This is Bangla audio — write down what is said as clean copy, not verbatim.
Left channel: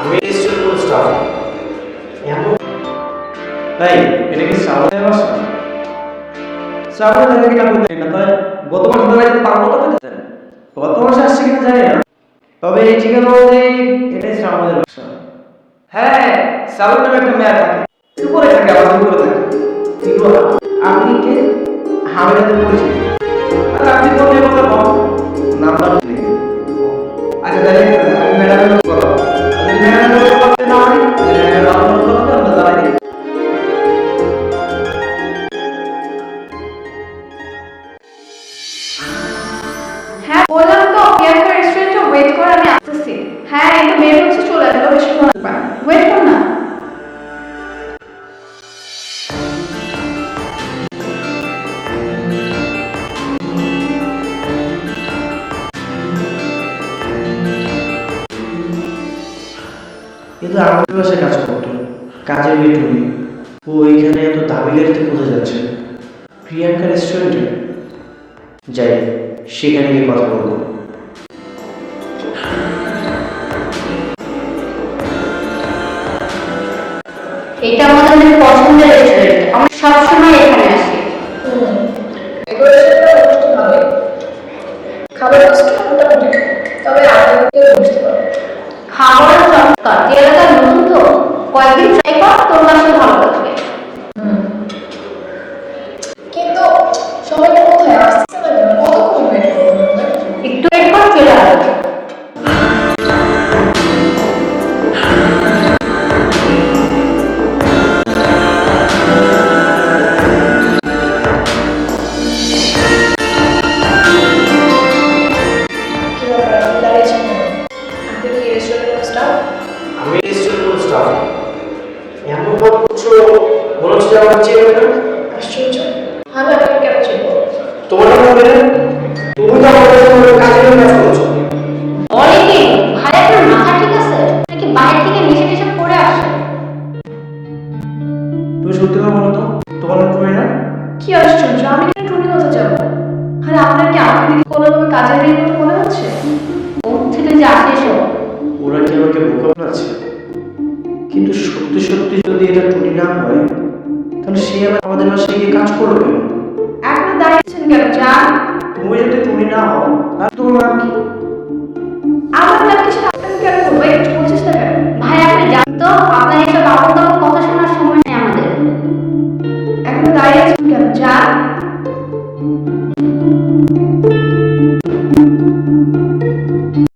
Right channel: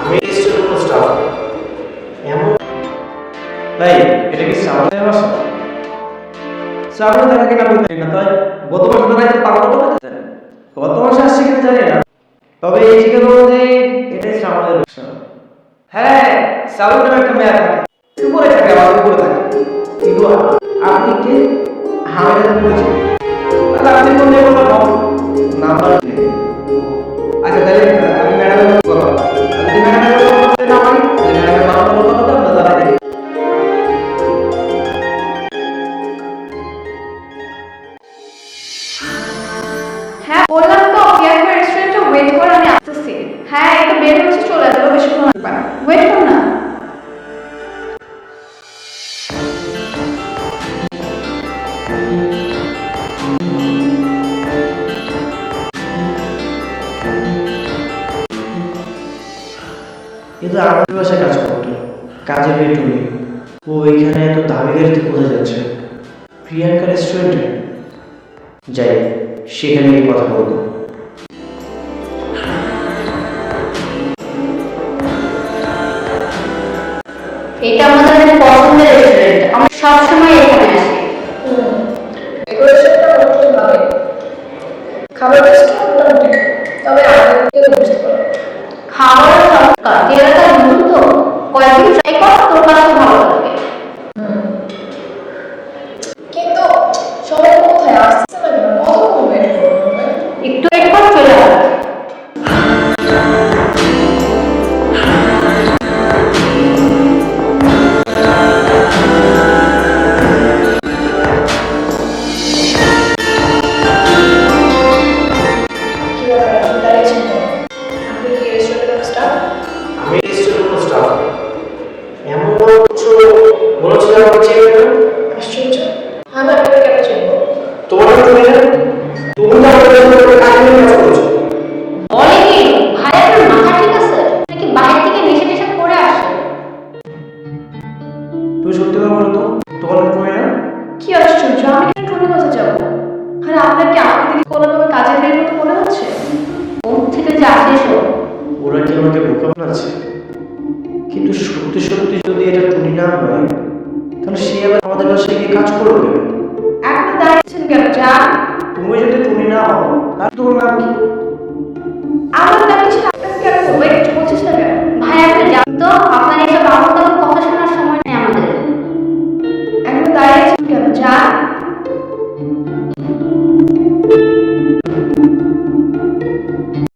আমি রেস্টুরেন্ট কোনো স্টাফ এমন। তাই এটা কি শ্রাবণের বাসা? শ্রাবণে থাকা কিনা বলতে না, তাই গত মাসে দাঁড়াইতে তার কথা বলতেছেন। গত মাসে আসছে কিনা জানি না, তবে এই ঠিকানা অনুযায়ী এটাই শ্রাবণের বাসা। হ্যাঁ, শ্রাবণ নামে একটা মেয়ে থাকে, উপরে থাকে, আমাদের উপরে থাকে। কিন্তু আপনি কে? আমি তাদের পরিচিত। তাহলে আপনি কোন নিয়ে কথা কম? নাম্বার নেই। আচ্ছা, তাহলে আমি ম্যাডামের সাথে কথা বলবো। আর যদি ম্যাডামের সাথে কথা বলতে না পারি, তাহলে ম্যাডামের বাবার সাথে কথা বলে আমরা জানাই দিই। হ্যাঁ বললাম তো, প্রিয়াঙ্কা রেস্টুরেন্টে ওয়েট কর, আমি আসতেছি। হ্যাঁ এই তো বের হচ্ছে, চলে আসবে, বেশিক্ষণ লাগবে না, ওয়েট কর না। কিন্তু আমাদের বাসায় কাজ করতো, কাজের মেয়ে টুনি। ও এখানে এত দামি গাড়িতে কোথায় যাচ্ছে? প্রিয়াঙ্কা রেস্টুরেন্টে যাই, সেখানে গিয়ে কথা বলবো। এটা আমাদের অনেক পছন্দের রেস্টুরেন্ট, আমরা সবসময় এখানে আসি। ডেকোরেশনটা মোটামুটি ভালোই, খাবার টেস্ট মোটামুটি, তবে আগে বুঝতে পারবো। খাবার চমৎকার, তুই এলাকায় নতুন তো, কয়েকদিন ট্রাই কর, তোর কাছে ভালো লাগবে। কিন্তু সবাই কোথায় আসতেছে না কেন? কতক্ষণ ওয়েট করবো? একটু ওয়েট কর, চলে আসবে। কি ব্যাপার, আপনি দাঁড়িয়েছেন কেন? আপনি কি রেস্টুরেন্টের কোনো স্টাফ? আমি রেস্টুরেন্ট কোনো স্টাফ এমন মনে করছো, মনে হচ্ছে যে আমাকে চেয়ে না। আশ্চর্য, আমি আপনাকে কেন চিনবো? তোমার নাম টুনি না? তুমি তো আমাদের রেস্টুরেন্টে কাজে নিয়ে কাজ করছো। বলে কি ভাই, আপনার মাথা ঠিক আছে নাকি বাইরে থেকে নেশা টেশা করে আসে? তুমি সত্যি কথা বলো তো, তোমার নাম টুনি না? কি আশ্চর্য, আমি কেন টুনি হতে যাবো? আরে আপনার কি আমাকে দেখে কোনোভাবে কাজের মেয়ের মতো মনে হচ্ছে? ওর থেকে যে আসে এসব। ওরা কি আমাকে বোকা বানাচ্ছে? কিন্তু সত্যি সত্যি যদি এটা টুনি না হয়, তাহলে সে আবার আমাদের বাসায় গিয়ে কাজ করলো কেন? এখনো দাঁড়িয়েছেন কেন? যান। তুমি যদি টুনি না হও, তাহলে তোমার নাম কি? আমার নাম কি সেটা আপনাকে কেন বলবো? একটু বলছিস না কেন? ভাই আপনি জানতো, আপনার এইসব আমল তামল কথা শোনার সময় নেই আমাদের। এখনো দাঁড়িয়েছেন কেন? যান।